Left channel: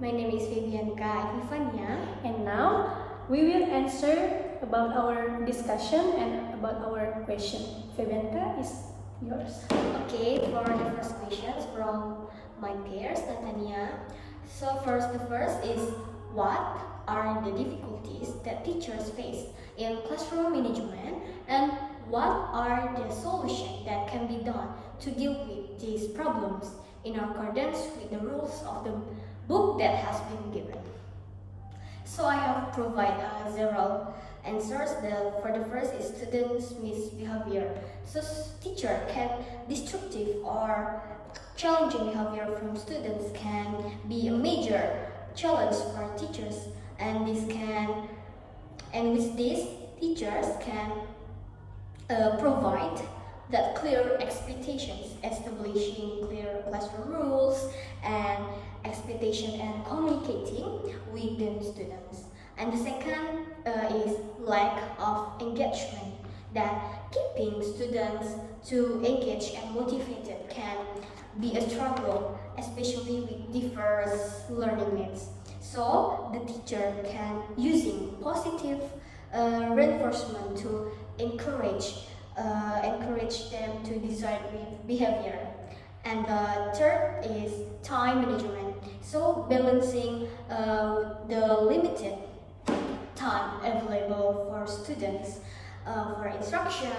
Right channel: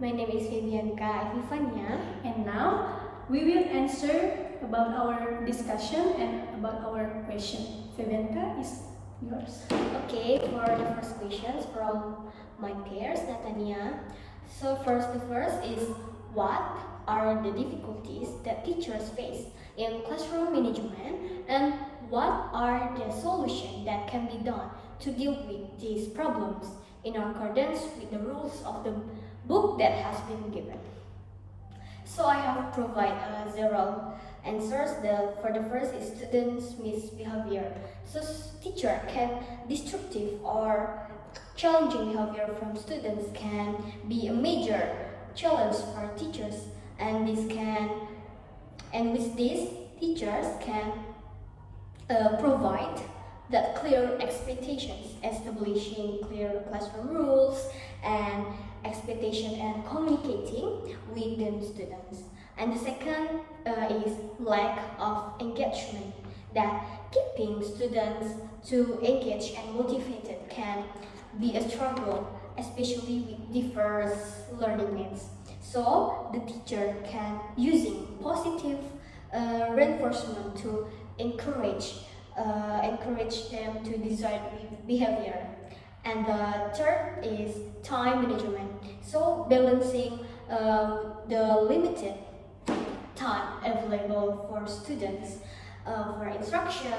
My name is Febyancha Evievania. And now we will answer about our discussion and about our question. Febyancha is yours. Okay, for the first questions from my peers, Nathania. So the first is, what are the difficulties that teachers face in classroom management, and what are the solutions that can be done to deal with these problems in accordance with the rules of the book that has been given? So I have provided several answers. For the first is students' misbehavior. So teacher can destructive or challenging behavior from students can be a major challenge for teachers, and with this teachers can provide that clear expectations, establishing clear classroom rules and expectation and communicating with the students. And the second is lack of engagement, that keeping students to engage and motivated can be a struggle, especially with diverse learning needs. So the teacher can using positive reinforcement to encourage them to desired behavior. And the third is time management. So balancing the limited time available for students for instruction,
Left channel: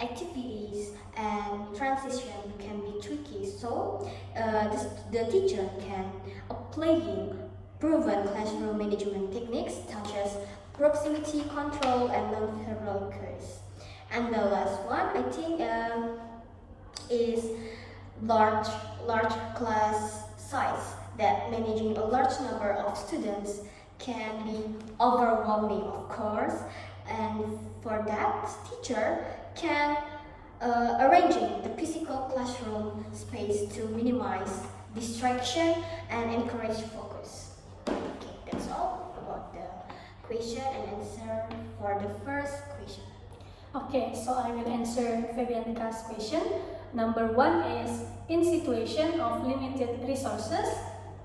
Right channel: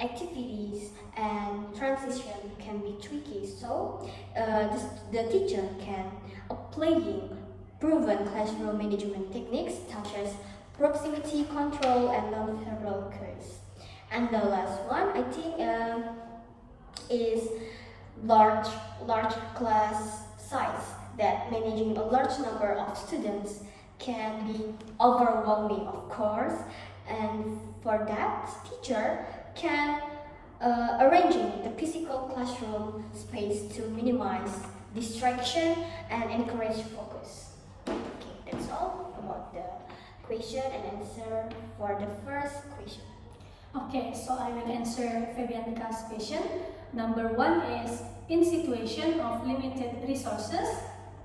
activities, and transition can be tricky. So the teacher can applying proven classroom management techniques such as proximity control and non-verbal cues. And the last one, I think, is large class size, that managing a large number of students can be overwhelming, of course. And for that, teacher can arranging the physical classroom space to minimize distraction and encourage focus. Okay, that's all about the question and answer for the first question. Okay, so I will answer Febyancha's question. Number 1 is, in situation of limited resources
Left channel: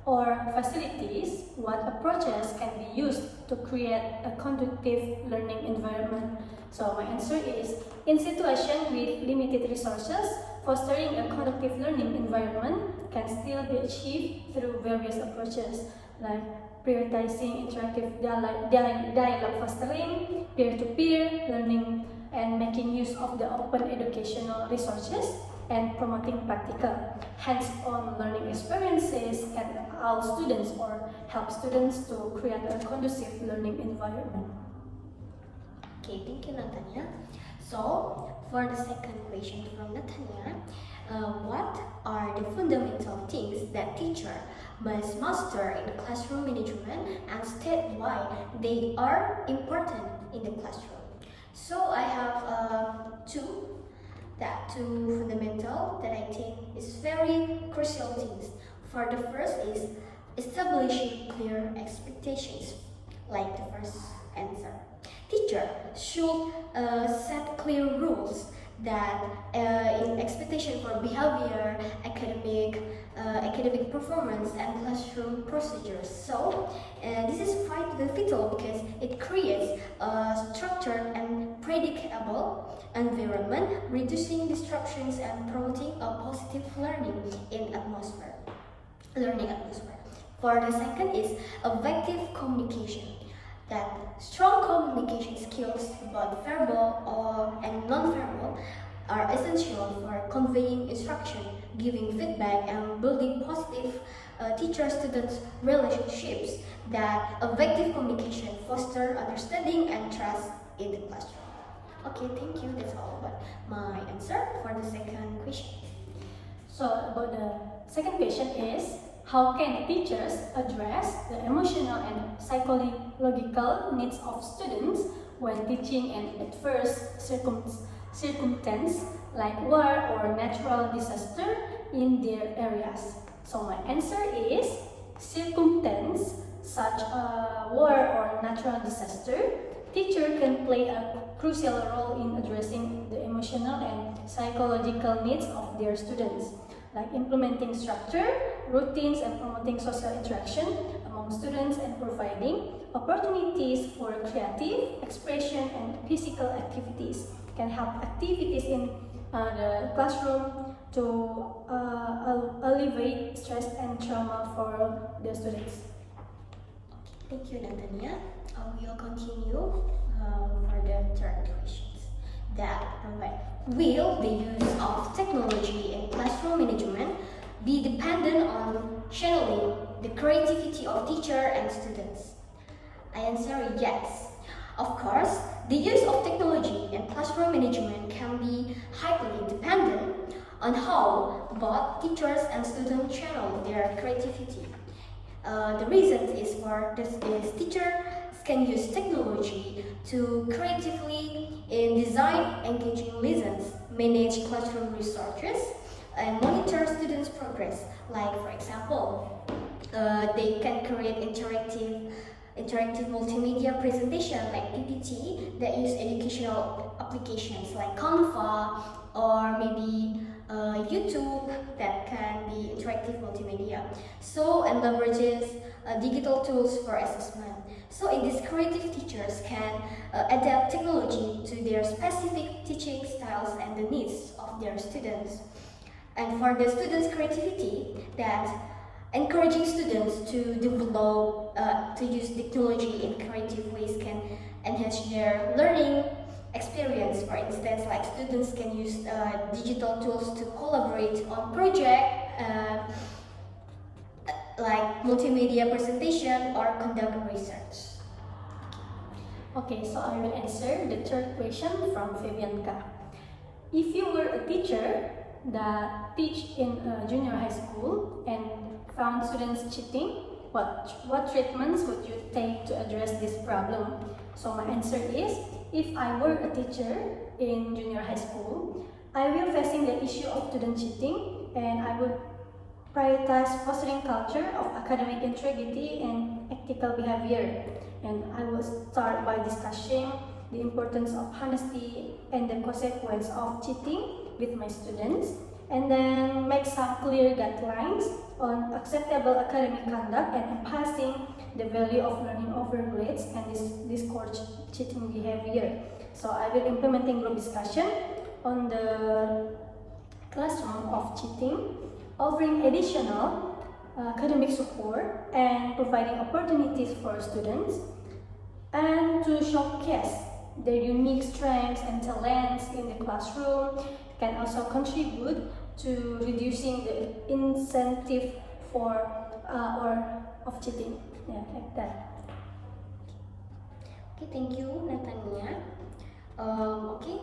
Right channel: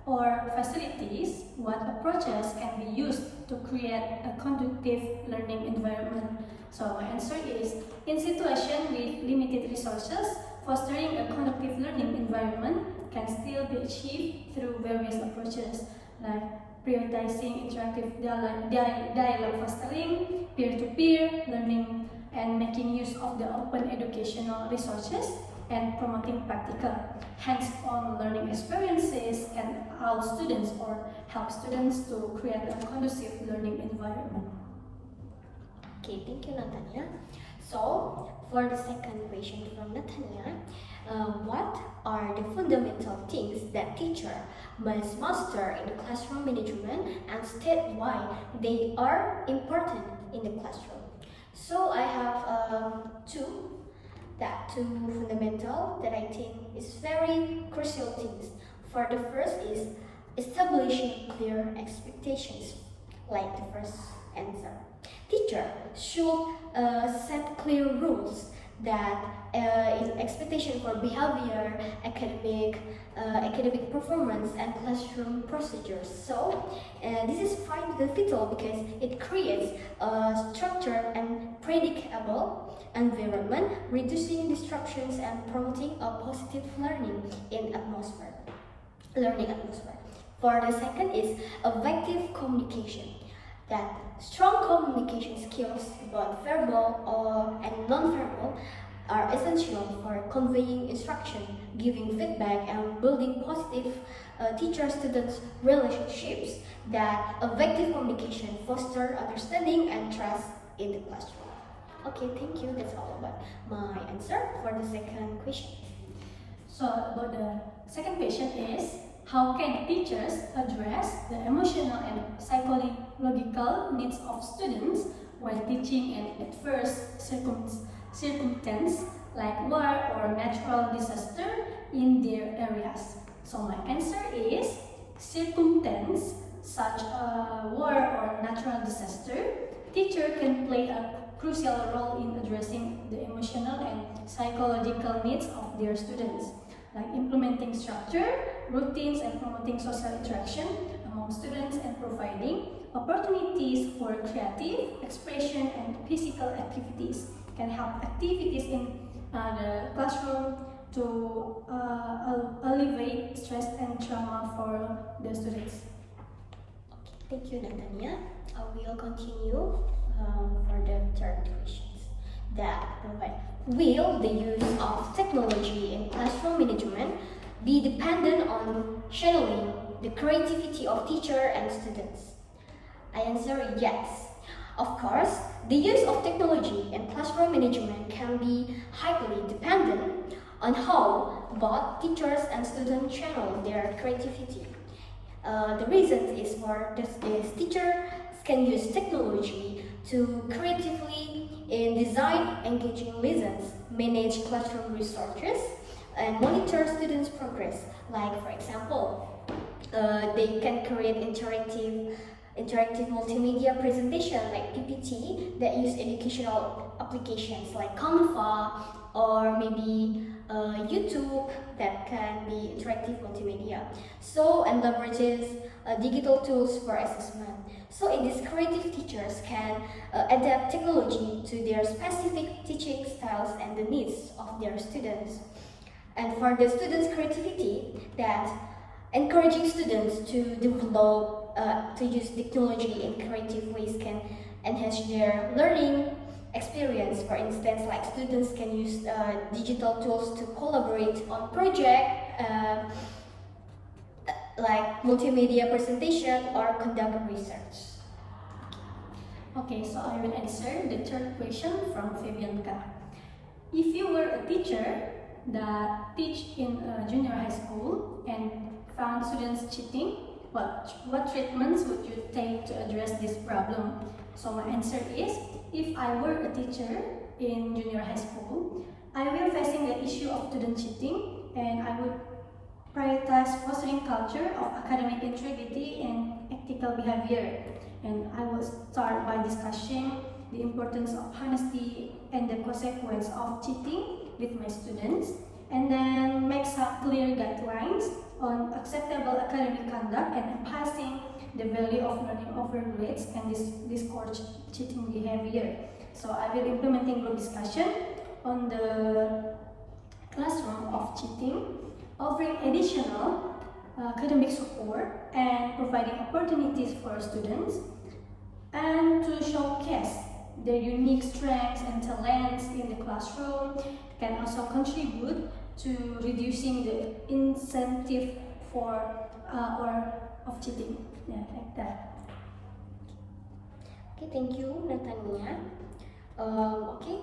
or facilities, what approaches can be used to create a conducive learning environment? So my answer is, in situation with limited resources, fostering a conducive learning environment can still be achieved through various approaches, like prioritizing interactive dialogue fostering, peer-to-peer learning, and making use of the open educational resources, and promoting practical, hands-on learning experiences can allow students or help students to create a conducive learning environment. Okay, thank you, Nathania. So, for the second question from Nathania, what are the fundamental things that teacher must master in classroom management, and state why they are important in the classroom? So I have two fundamental that I think is very crucial things. For the first is establishing clear expectations, like the first answer. Teacher should set clear rules that in expectation for behavior, academic performance, and classroom procedures. So this is quite vital because it creates a structured and predictable environment, reducing disruptions and promoting a positive learning atmosphere. For the second is effective communication, that strong communication skills, both verbal and non-verbal, are essential for conveying instruction, giving feedback, and building positive teacher-student relationships. That effective communication fosters understanding and trust in the classroom. Okay, thank you. That's all about my answer for the second question. So about the second question is, how can teachers address the emotional and psychological needs of students when teaching an adverse circumstance like war or natural disaster in their areas? So my answer is, circumstance such a war or natural disaster, teacher can play a crucial role in addressing the emotional and psychological needs of their students. like implementing structure, routines, and promoting social interaction among students and providing opportunities for creative expression and physical activities can help activities in the classroom to alleviate stress and trauma for the students. Thank you, Nathania. We will continue for the third questions. Will the use of technology in classroom management be dependent on channeling the creativity of teacher and students? I answer yes. Of course, the use of technology in classroom management can be highly dependent on how both teachers and students channel their creativity. The reason is for this is teachers can use technology to creatively design engaging lessons, manage classroom resources, and monitor students' progress. Like, for example, they can create interactive multimedia presentation like PPT that use educational applications like Canva or maybe YouTube that can be interactive multimedia. And leverages digital tools for assessment. So in this, creative teachers can adapt technology to their specific teaching styles and the needs of their students. And for the students' creativity, that encouraging students to develop, to use technology in creative ways can enhance their learning experience. For instance, like students can use digital tools to collaborate on projects like multimedia presentation or conduct research. Okay, so I will answer the third question from Febyancha. If you were a teacher that teach in a junior high school and found students cheating, what treatments would you take to address this problem? So my answer is, if I were a teacher in junior high school, I will facing the issue of student cheating, and I would prioritize fostering culture of academic integrity and ethical behavior. And I will start by discussing the importance of honesty and the consequence of cheating with my students, and then make some clear guidelines on acceptable academic conduct and emphasizing the value of learning over grades and discourage cheating behavior. So I will implementing group discussion on the classroom of cheating, offering additional academic support and providing opportunities for students, and to showcase their unique strengths and talents in the classroom can also contribute to reducing the incentive for of cheating. Yeah, like that. Okay, thank you, Nathania. Okay,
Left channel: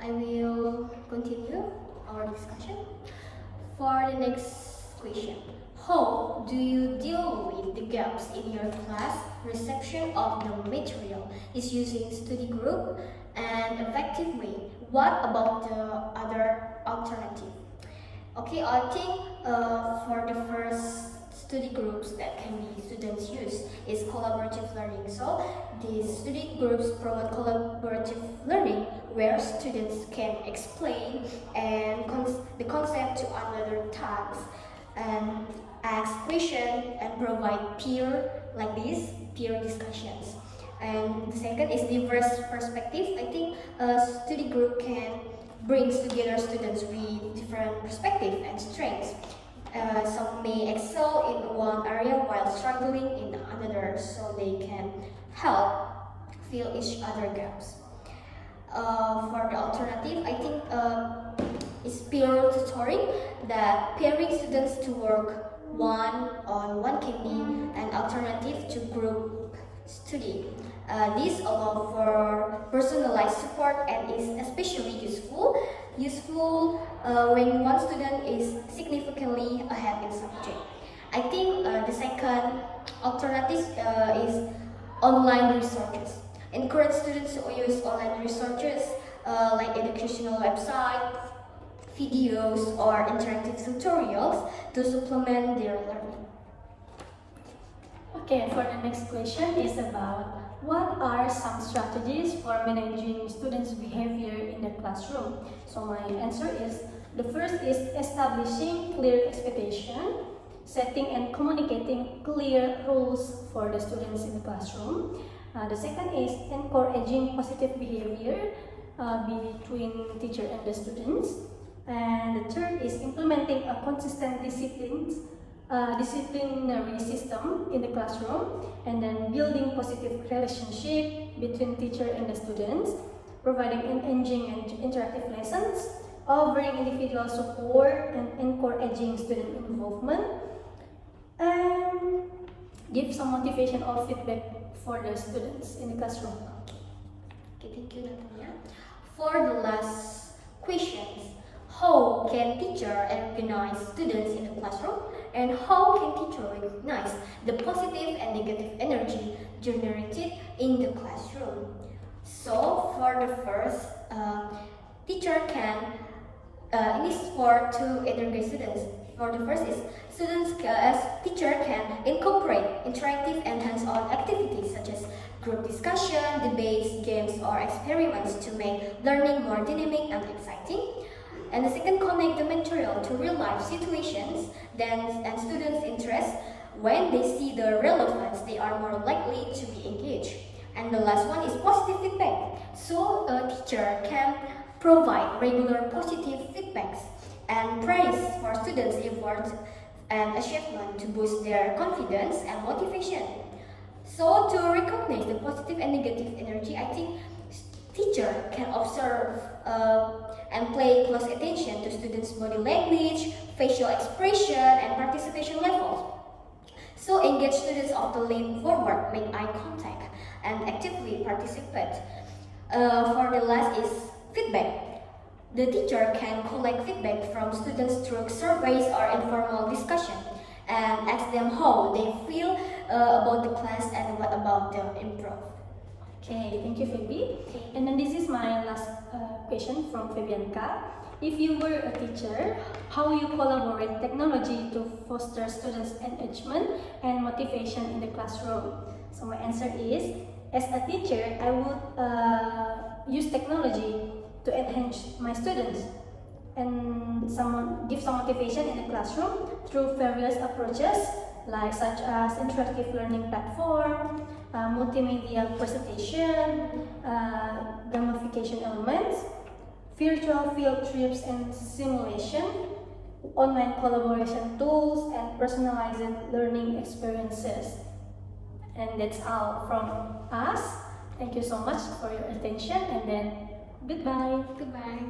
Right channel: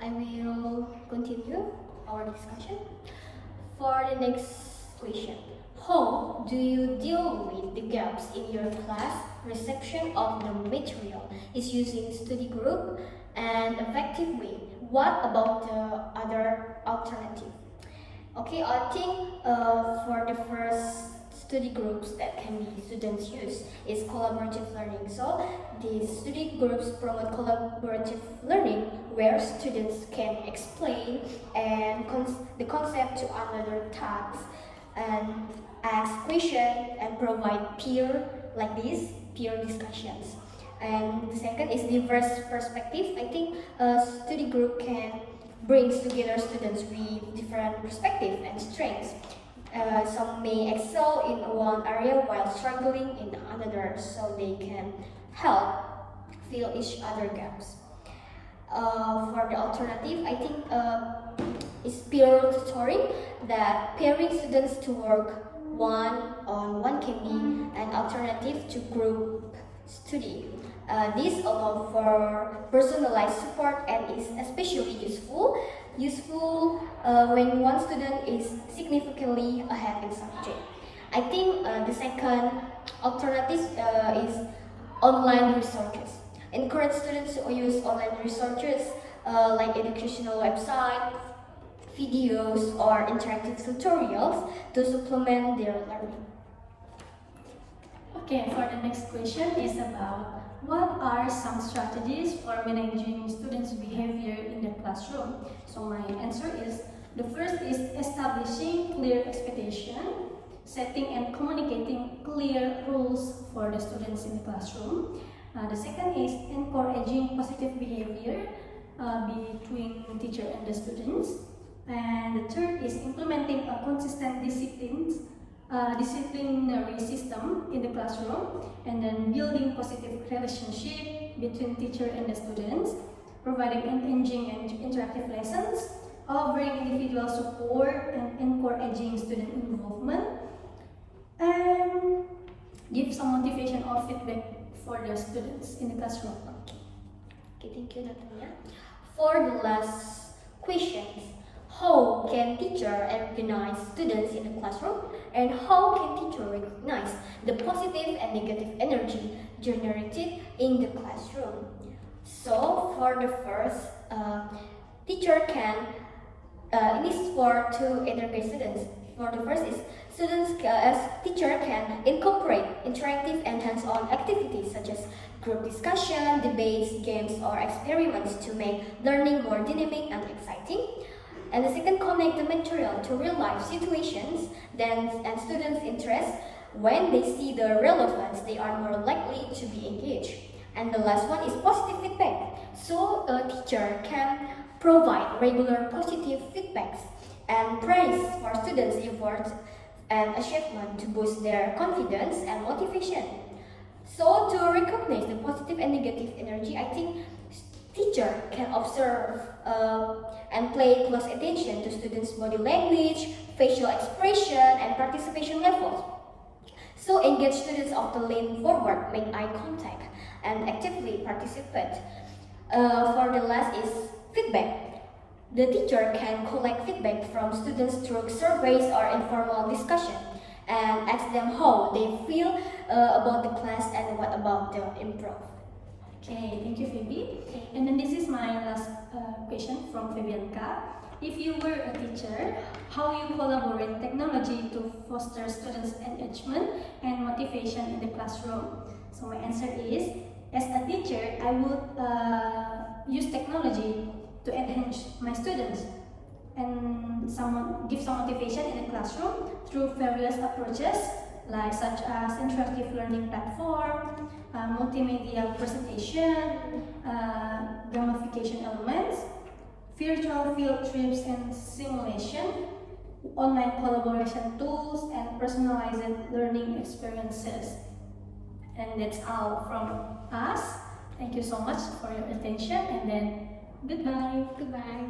I will continue our discussion. For the next question, how do you deal with the gaps in your class reception of the material? Is using study group and effectively? What about the other alternative? Okay, I think for the first study groups that can be students use is collaborative learning. So these study groups promote collaborative learning where students can explain and the concept to another tasks and ask questions and provide peer discussions. And the second is diverse perspective. I think a study group can bring together students with different perspectives and strengths. Some may excel in one area while struggling in another, so they can help fill each other gaps. For the alternative, I think is peer tutoring, that pairing students to work one-on-one can be an alternative to group study. This allows for personalized support and is especially useful when one student is significantly ahead in subject. I think the second alternative is online resources. Encourage students to use online resources like educational websites, videos, or interactive tutorials to supplement their learning. Okay, for the next question is about what are some strategies for managing students' behavior in the classroom? So my answer is The first is establishing clear expectation, setting and communicating clear rules for the students in the classroom. The second is encouraging positive behavior between teacher and the students. And the third is implementing a consistent disciplinary system in the classroom, and then building positive relationship between teacher and the students, providing engaging and interactive lessons, offering individual support and encouraging student involvement, and give some motivation or feedback for the students in the classroom. Okay, thank you, Nathania. For the last questions, how can teacher recognize students in the classroom, and how can teacher recognize the positive and negative energy generated in the classroom? So for the first, teacher can, it is for to integrate students. For the first is teacher can incorporate interactive and hands-on activities such as group discussion, debates, games, or experiments to make learning more dynamic and exciting. And the second, connect the material to real-life situations and students' interest. When they see the relevance, they are more likely to be engaged. And the last one is positive feedback. So a teacher can provide regular positive feedbacks and praise for students' efforts and achievement to boost their confidence and motivation. So to recognize the positive and negative energy, I think teacher can observe and pay close attention to students' body language, facial expression, and participation levels. So engage students often lean forward, make eye contact, and actively participate. For the last is feedback. The teacher can collect feedback from students through surveys or informal discussion and ask them how they feel about the class and what about the improve. Okay, thank you, Febi. And then this is my last question from Febyancha. If you were a teacher, how you collaborate technology to foster students' engagement and motivation in the classroom? So my answer is, as a teacher, I would use technology to enhance my students and give some motivation in the classroom through various approaches, like such as interactive learning platform, multimedia presentation, gamification elements, virtual field trips and simulation, online collaboration tools, and personalized learning experiences. And that's all from us. Thank you so much for your attention, and then goodbye. Goodbye.